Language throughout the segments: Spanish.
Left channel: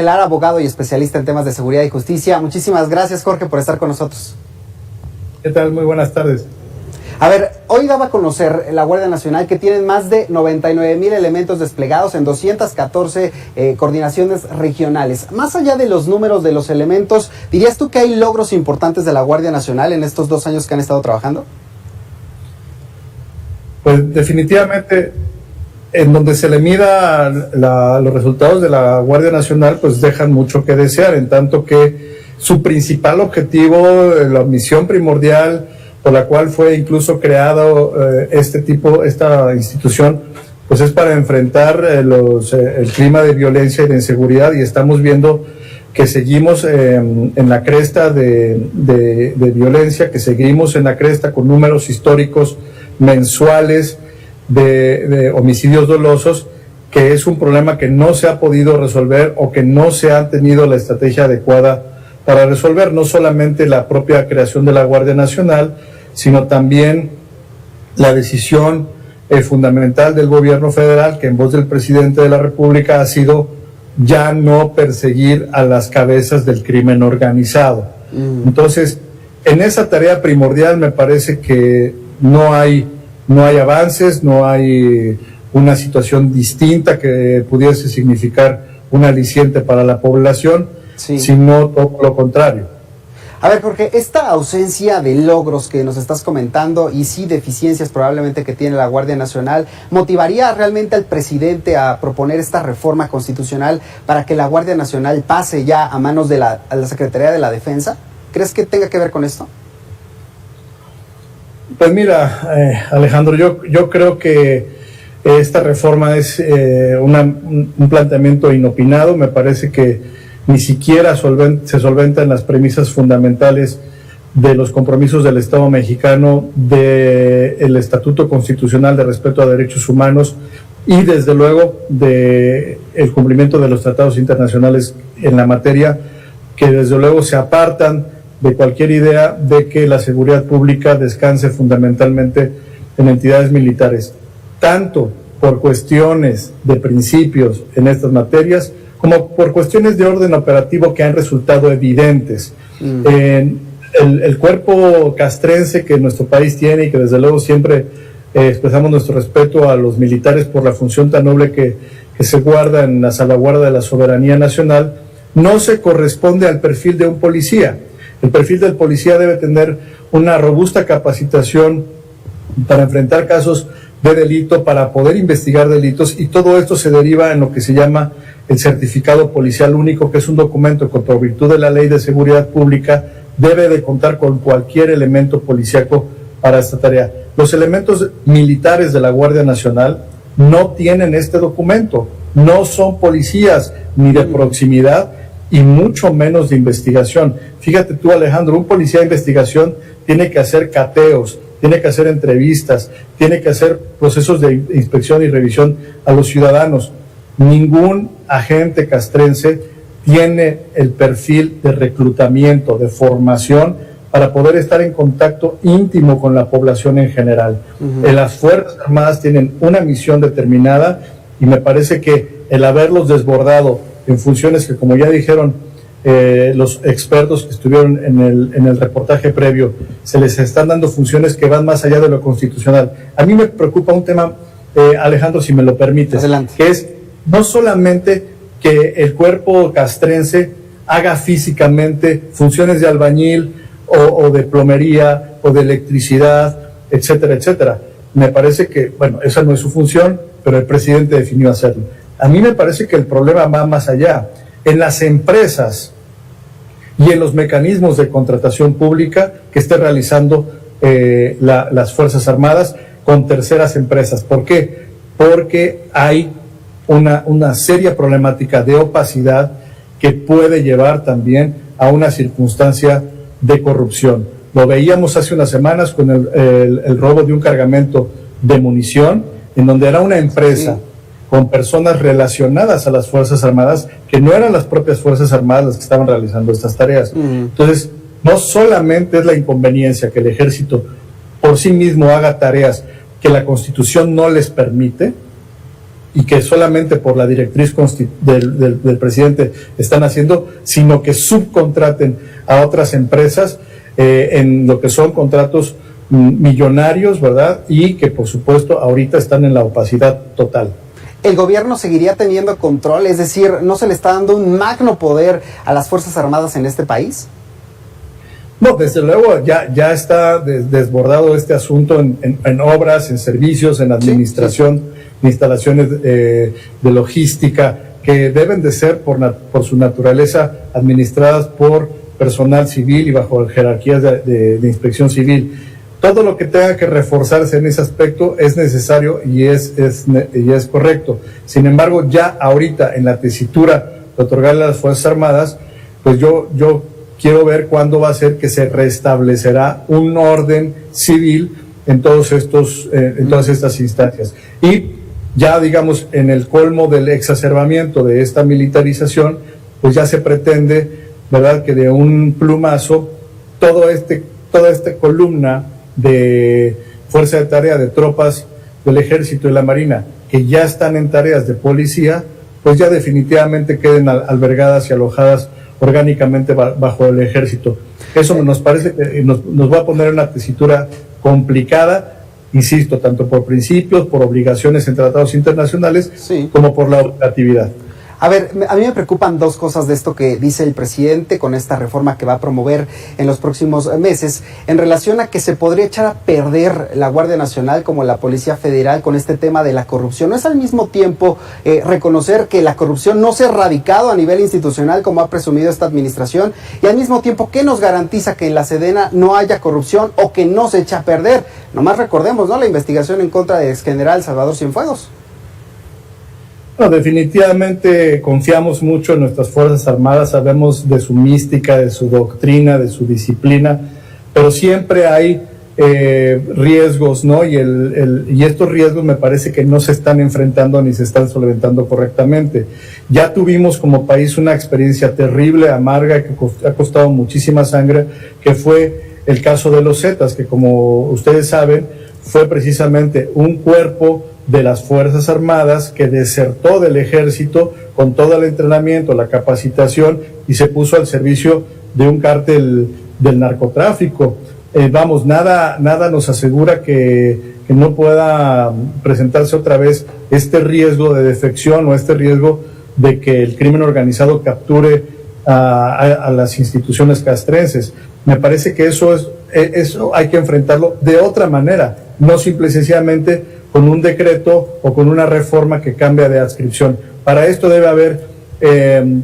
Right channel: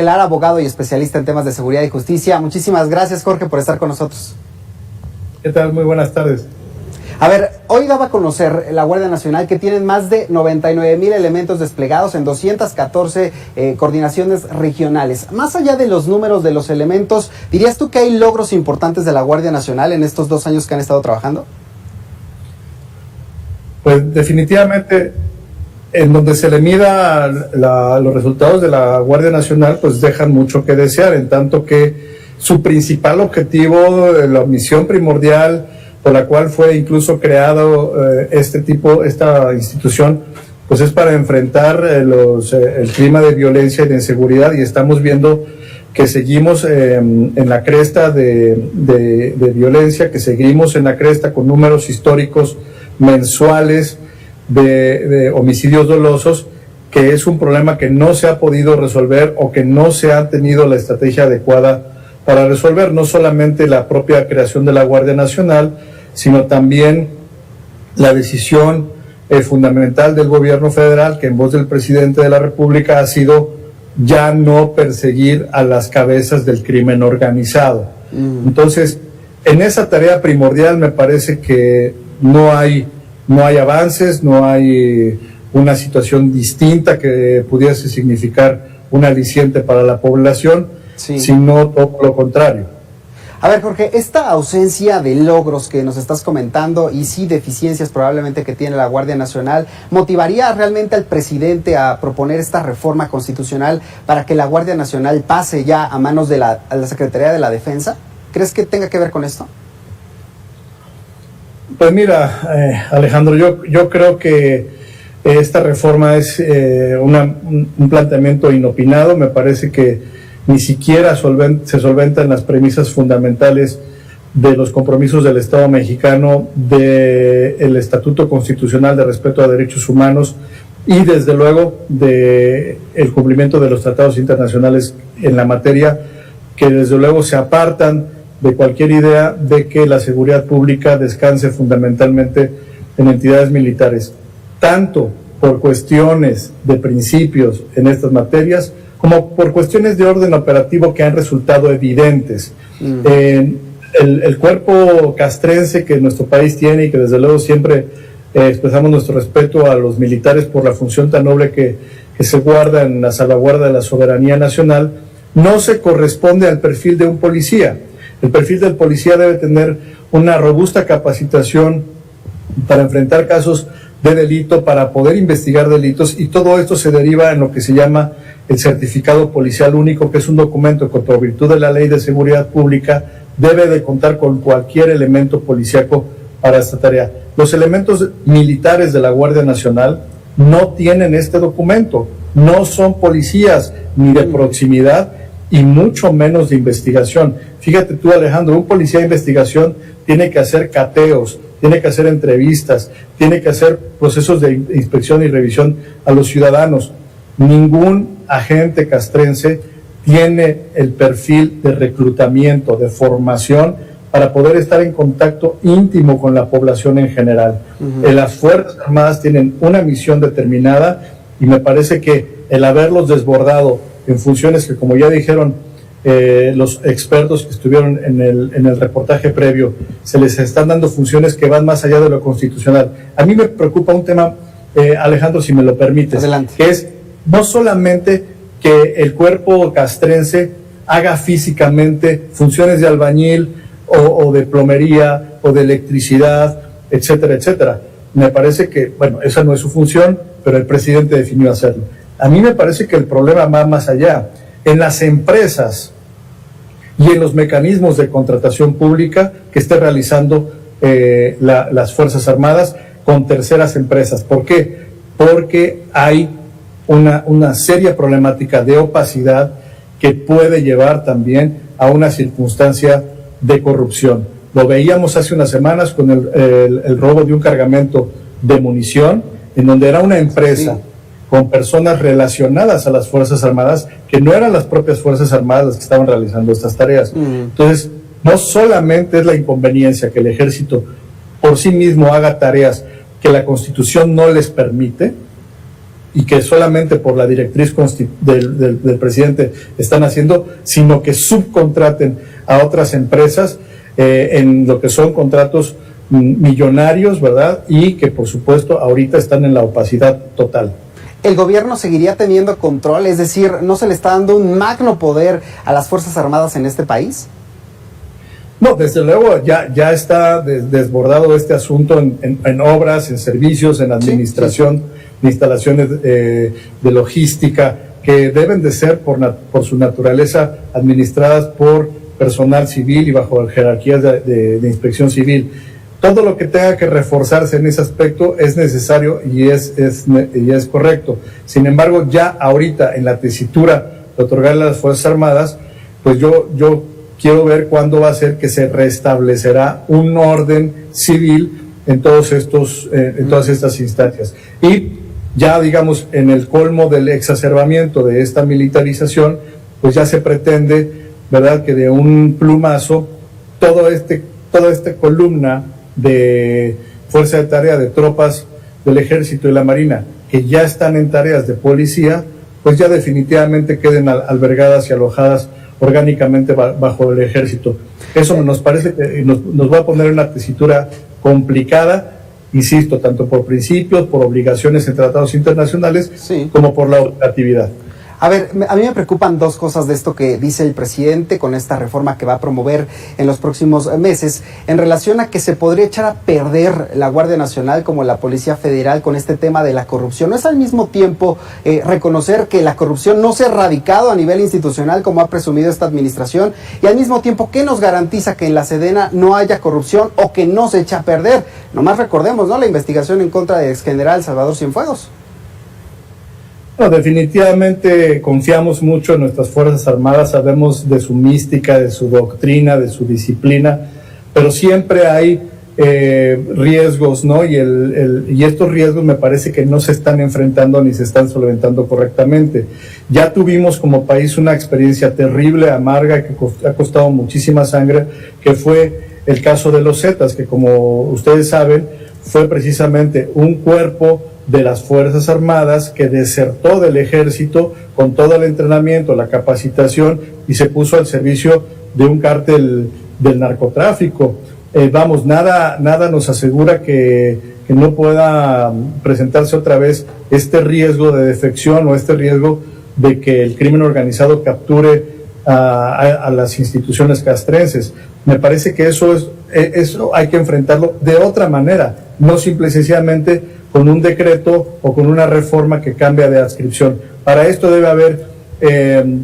Gelar, abogado y especialista en temas de seguridad y justicia. Muchísimas gracias, Jorge, por estar con nosotros. ¿Qué tal? Muy buenas tardes. A ver, hoy daba a conocer la Guardia Nacional que tienen más de 99,000 elementos desplegados en 214 coordinaciones regionales. Más allá de los números de los elementos, ¿dirías tú que hay logros importantes de la Guardia Nacional en estos 2 años que han estado trabajando? Pues definitivamente, en donde se le mida los resultados de la Guardia Nacional, pues dejan mucho que desear, en tanto que su principal objetivo, la misión primordial por la cual fue incluso creado esta institución, pues es para enfrentar el clima de violencia y de inseguridad, y estamos viendo que seguimos en la cresta de violencia, que seguimos en la cresta con números históricos mensuales de homicidios dolosos, que es un problema que no se ha podido resolver o que no se ha tenido la estrategia adecuada para resolver, no solamente la propia creación de la Guardia Nacional, sino también la decisión fundamental del gobierno federal, que en voz del presidente de la República ha sido ya no perseguir a las cabezas del crimen organizado. Entonces, en esa tarea primordial me parece que no hay avances, no hay una situación distinta que pudiese significar un aliciente para la población, sino todo lo contrario. A ver, Jorge, esta ausencia de logros que nos estás comentando y sí deficiencias probablemente que tiene la Guardia Nacional, ¿motivaría realmente al presidente a proponer esta reforma constitucional para que la Guardia Nacional pase ya a manos de la Secretaría de la Defensa? ¿Crees que tenga que ver con esto? Pues mira, Alejandro, yo creo que esta reforma es un planteamiento inopinado. Me parece que ni siquiera se solventan las premisas fundamentales de los compromisos del Estado mexicano, del Estatuto Constitucional de Respeto a Derechos Humanos y desde luego del cumplimiento de los tratados internacionales en la materia, que desde luego se apartan de cualquier idea de que la seguridad pública descanse fundamentalmente en entidades militares, tanto por cuestiones de principios en estas materias, como por cuestiones de orden operativo que han resultado evidentes. El cuerpo castrense que nuestro país tiene, y que desde luego siempre expresamos nuestro respeto a los militares por la función tan noble que se guarda en la salvaguarda de la soberanía nacional, no se corresponde al perfil de un policía. El perfil del policía debe tener una robusta capacitación para enfrentar casos de delito, para poder investigar delitos, y todo esto se deriva en lo que se llama el certificado policial único, que es un documento que por virtud de la Ley de Seguridad Pública debe de contar con cualquier elemento policíaco para esta tarea. Los elementos militares de la Guardia Nacional no tienen este documento, no son policías ni de proximidad y mucho menos de investigación. Fíjate tú, Alejandro, un policía de investigación tiene que hacer cateos, tiene que hacer entrevistas, tiene que hacer procesos de inspección y revisión a los ciudadanos. Ningún agente castrense tiene el perfil de reclutamiento, de formación, para poder estar en contacto íntimo con la población en general. Las Fuerzas Armadas tienen una misión determinada, y me parece que el haberlos desbordado en funciones que, como ya dijeron los expertos que estuvieron en el reportaje previo, se les están dando funciones que van más allá de lo constitucional. A mí me preocupa un tema, Alejandro, si me lo permites. Adelante. Que es no solamente que el cuerpo castrense haga físicamente funciones de albañil o de plomería o de electricidad, etcétera, etcétera. Me parece que, bueno, esa no es su función, pero el presidente definió hacerlo. A mí me parece que el problema va más allá. En las empresas y en los mecanismos de contratación pública que esté realizando las Fuerzas Armadas con terceras empresas. ¿Por qué? Porque hay una seria problemática de opacidad que puede llevar también a una circunstancia de corrupción. Lo veíamos hace unas semanas con el robo de un cargamento de munición, en donde era una empresa con personas relacionadas a las Fuerzas Armadas, que no eran las propias Fuerzas Armadas las que estaban realizando estas tareas. Entonces, no solamente es la inconveniencia que el Ejército por sí mismo haga tareas que la Constitución no les permite, y que solamente por la directriz del presidente están haciendo, sino que subcontraten a otras empresas en lo que son contratos millonarios, ¿verdad? Y que por supuesto ahorita están en la opacidad total. ¿El gobierno seguiría teniendo control? Es decir, ¿no se le está dando un magno poder a las Fuerzas Armadas en este país? No, desde luego ya está desbordado este asunto en obras, en servicios, en administración, de instalaciones de logística, que deben de ser por su naturaleza administradas por personal civil y bajo jerarquías de inspección civil. Todo lo que tenga que reforzarse en ese aspecto es necesario y es correcto. Sin embargo, ya ahorita en la tesitura de otorgarle a las Fuerzas Armadas, pues yo quiero ver cuándo va a ser que se restablecerá un orden civil en todas estas instancias. Y ya, digamos, en el colmo del exacerbamiento de esta militarización, pues ya se pretende, ¿verdad?, que de un plumazo toda esta columna de fuerza de tarea de tropas del Ejército y la Marina que ya están en tareas de policía, pues ya definitivamente queden albergadas y alojadas orgánicamente bajo el Ejército. Eso nos parece que nos va a poner en una tesitura complicada, insisto, tanto por principios, por obligaciones en tratados internacionales, como por la operatividad. A ver, a mí me preocupan dos cosas de esto que dice el presidente con esta reforma que va a promover en los próximos meses, en relación a que se podría echar a perder la Guardia Nacional como la Policía Federal con este tema de la corrupción. ¿No es al mismo tiempo reconocer que la corrupción no se ha erradicado a nivel institucional como ha presumido esta administración? Y al mismo tiempo, ¿qué nos garantiza que en la Sedena no haya corrupción o que no se echa a perder? Nomás recordemos, ¿no?, la investigación en contra del exgeneral Salvador Cienfuegos. No, definitivamente confiamos mucho en nuestras Fuerzas Armadas, sabemos de su mística, de su doctrina, de su disciplina, pero siempre hay riesgos, ¿no? Y estos riesgos me parece que no se están enfrentando ni se están solventando correctamente. Ya tuvimos como país una experiencia terrible, amarga, que ha costado muchísima sangre, que fue el caso de los Zetas, que como ustedes saben, fue precisamente un cuerpo de las Fuerzas Armadas que desertó del Ejército con todo el entrenamiento, la capacitación, y se puso al servicio de un cártel del narcotráfico. Nada nos asegura que no pueda presentarse otra vez este riesgo de defección o este riesgo de que el crimen organizado capture a las instituciones castrenses. Me parece que eso hay que enfrentarlo de otra manera, no simple y sencillamente con un decreto o con una reforma que cambia de adscripción. Para esto debe haber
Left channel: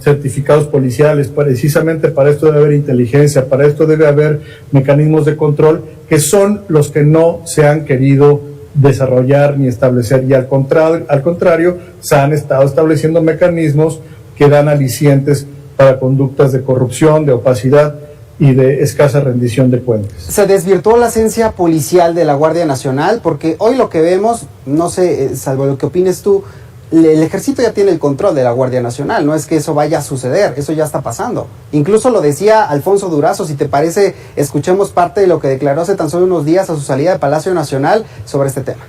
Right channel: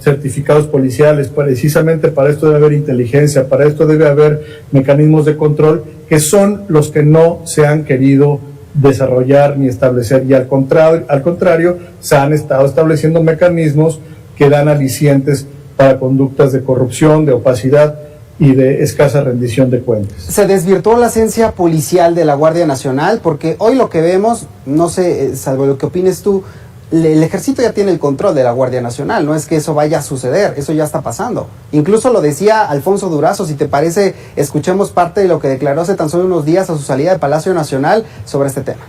certificados policiales, precisamente para esto debe haber inteligencia, para esto debe haber mecanismos de control, que son los que no se han querido desarrollar ni establecer, y al contrario se han estado estableciendo mecanismos que dan alicientes para conductas de corrupción, de opacidad y de escasa rendición de cuentas. Se desvirtuó la esencia policial de la Guardia Nacional, porque hoy lo que vemos, no sé, salvo lo que opines tú, el Ejército ya tiene el control de la Guardia Nacional, no es que eso vaya a suceder, eso ya está pasando. Incluso lo decía Alfonso Durazo, si te parece, escuchemos parte de lo que declaró hace tan solo unos días a su salida del Palacio Nacional sobre este tema.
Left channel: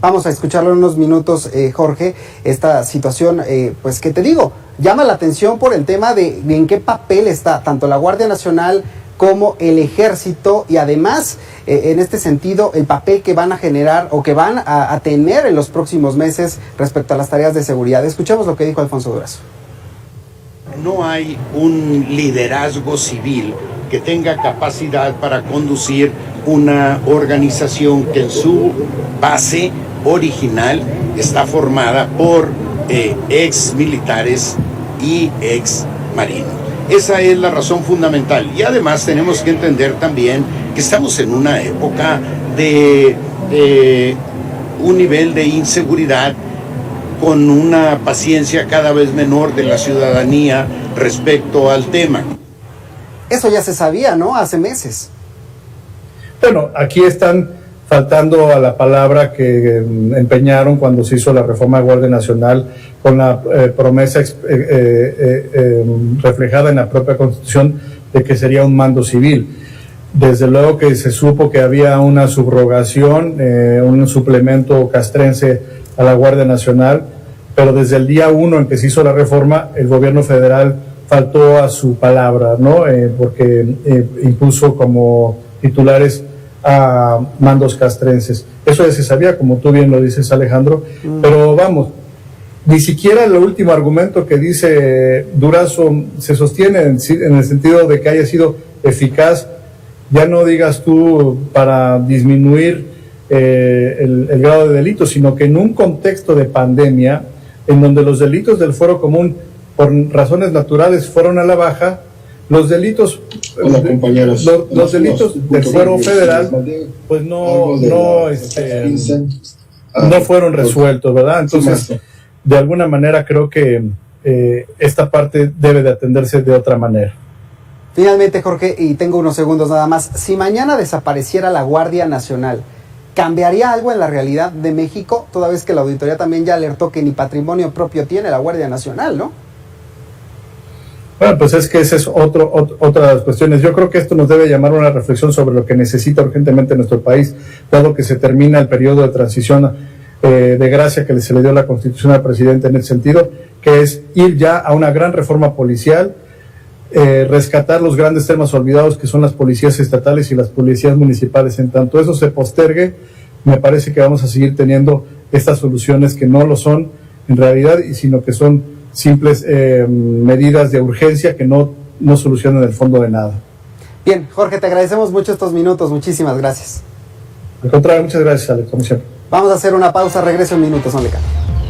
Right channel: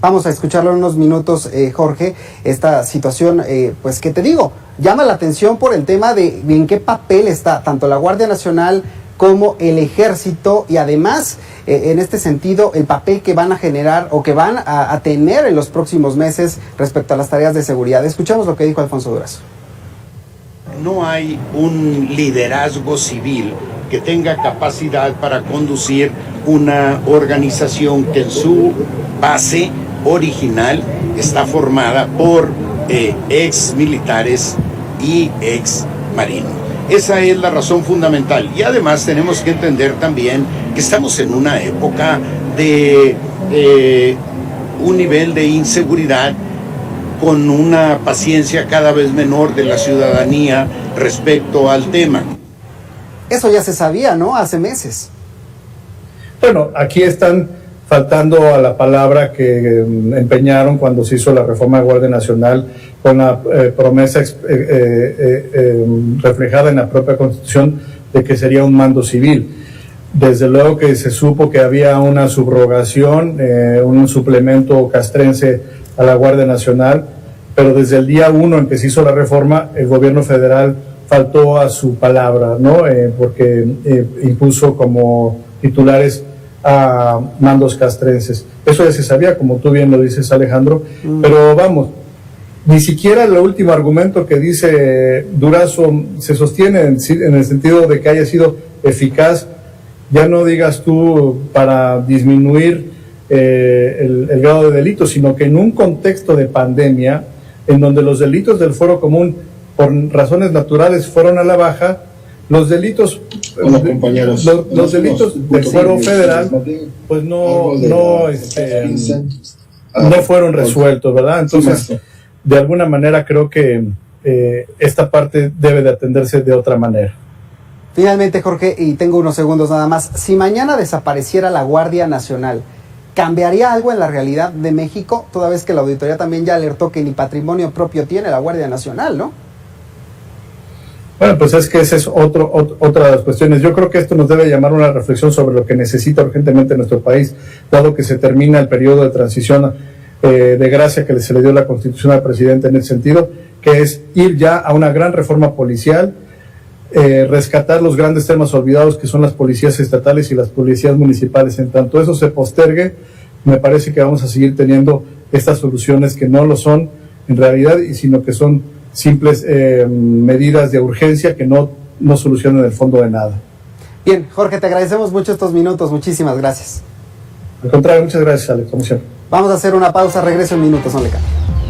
Vamos a escucharlo en unos minutos, Jorge, esta situación, pues que te digo, llama la atención por el tema de en qué papel está tanto la Guardia Nacional como el Ejército, y además, en este sentido, el papel que van a generar o que van a tener en los próximos meses respecto a las tareas de seguridad. Escuchemos lo que dijo Alfonso Durazo. No hay un liderazgo civil que tenga capacidad para conducir una organización que en su base original está formada por ex militares y ex marinos. Esa es la razón fundamental. Y además tenemos que entender también que estamos en una época de un nivel de inseguridad con una paciencia cada vez menor de la ciudadanía respecto al tema. Eso ya se sabía, ¿no? Hace meses. Bueno, aquí están faltando a la palabra que empeñaron cuando se hizo la reforma de Guardia Nacional, con la promesa reflejada en la propia Constitución de que sería un mando civil. Desde luego que se supo que había una subrogación, un suplemento castrense a la Guardia Nacional, pero desde el día 1 en que se hizo la reforma, el gobierno federal faltó a su palabra, ¿no? Porque impuso como titulares a mandos castrenses. Eso ya se sabía, como tú bien lo dices, Alejandro, pero vamos, ni siquiera el último argumento que dice Durazo se sostiene en el sentido de que haya sido eficaz. Ya no digas tú para disminuir el grado de delito, sino que en un contexto de pandemia, en donde los delitos del fuero común por razones naturales fueron a la baja, los delitos los delitos del fuero federal pues no fueron resueltos, ¿verdad? Entonces, de alguna manera creo que esta parte debe de atenderse de otra manera. Finalmente, Jorge, y tengo unos segundos nada más, si mañana desapareciera la Guardia Nacional, ¿cambiaría algo en la realidad de México? Toda vez que la auditoría también ya alertó que ni patrimonio propio tiene la Guardia Nacional, ¿no? Bueno, pues es que esa es otra de las cuestiones. Yo creo que esto nos debe llamar a una reflexión sobre lo que necesita urgentemente nuestro país, dado que se termina el periodo de transición de gracia que se le dio la Constitución al presidente en ese sentido, que es ir ya a una gran reforma policial, rescatar los grandes temas olvidados que son las policías estatales y las policías municipales. En tanto eso se postergue, me parece que vamos a seguir teniendo estas soluciones que no lo son en realidad, sino que son simples medidas de urgencia que no solucionan el fondo de nada. Bien, Jorge, te agradecemos mucho estos minutos, muchísimas gracias. Al contrario, muchas gracias, Ale, como siempre. Vamos a hacer una pausa, regreso en minutos, no le cambie.